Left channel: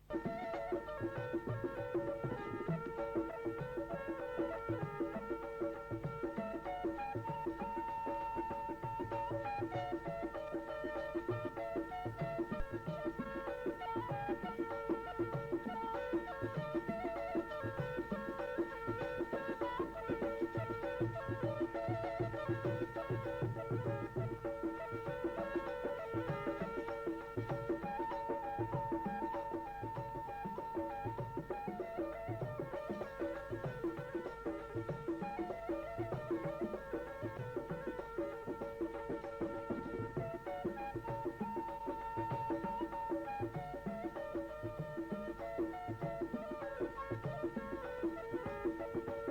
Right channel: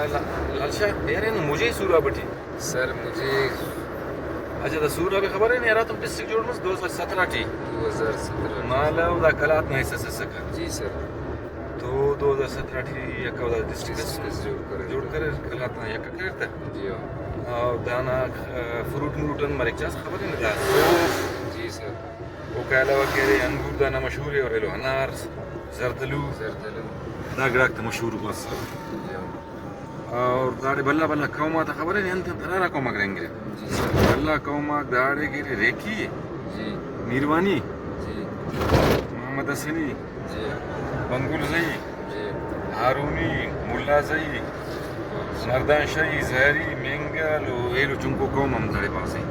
لال شاہ یار نا مجھے سورا بٹی سر مجھے اچھا دا سورا بھی خبر ہے نہیں یار تم ڈسٹرکٹ جوڑ مس 2017 ٹی 2017 مالا دا کلات نہیں سکا جی سر تو 2017 ٹی یک دا ڈسٹرکٹ جوڑ کر کلات نہ یک کرتا جی اور دانا فروٹ مروٹن مرک چاس خبر ہے نہیں جی سر وہ کہلا وغیرہ انگور دانا مشہور ہے اور ایلو انار زردلو دا گڑاک مشہور بس اور داڑے بلا بلا قوما تا خبر ہے نہیں انت درارا قوما کریں گے بلا قوما داڑے کی ریکی جی میروانی جی محمد حسنی جی بنگل زئی جی ہارونی ملا زئی مردان شاہی زہری مینگل و ایلو چنکو قوم ہم داڑے پاس ہیں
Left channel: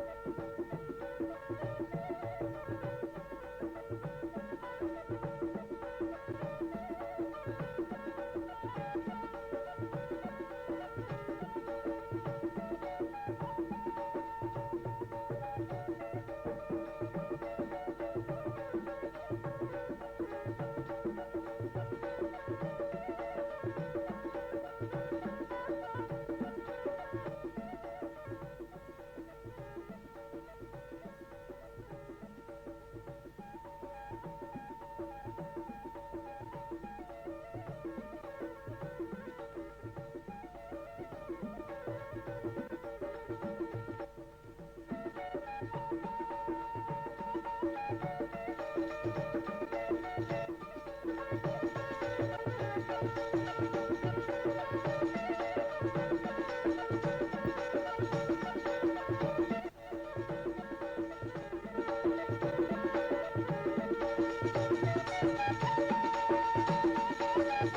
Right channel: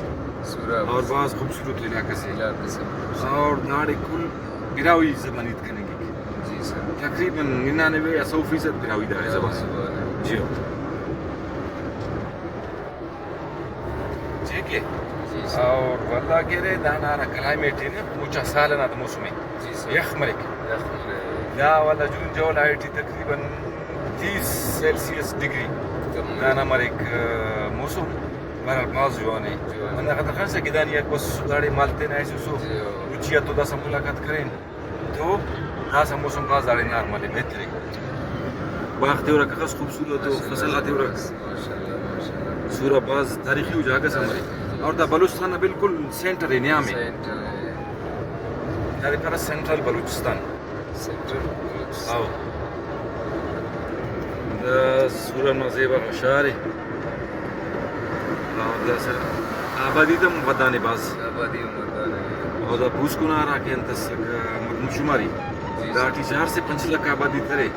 سورا اور بعض خوبصورت علاقے سے علاقے سے اور داڑے کل براوی زبانیت کرنے کی جی سر تقریباً 99 یا 100% براوی داڑے زبان جی ٹھیک ہے جی سر اور والله کہہ دانا را کلائمیٹ ہے نا اونچا سالنا دا موسم ہے جی سر یخ مرک دا والا جون جو لائٹی تقریباً 30 سیلسیس ڈگری دانا مرک موسم مرا باز جوانے من خاطر خان سے گدانی یک بس داڑے مالتے نہ ایسو سو اچیا تو دا سا ملاقات کریں تو دا سا موسم باز داڑے نارمل ہے بہتر ہے باغ تیورا کخص خوبصورت و فصل تیورا سورا باز تاریخی ہو جاگا سمری اور دا بلوچستان بالکل سینٹر ہے نیام ہے داڑے پر سینٹرل بلوچستان آو دا سورا مزیبا مشار ہے اور دا سر آبادی دا مبدانی باز آبادی مردان اور دا بوس کنا را کے انتس مشماری دا 4 سے 5 لاکھ آبادی کرے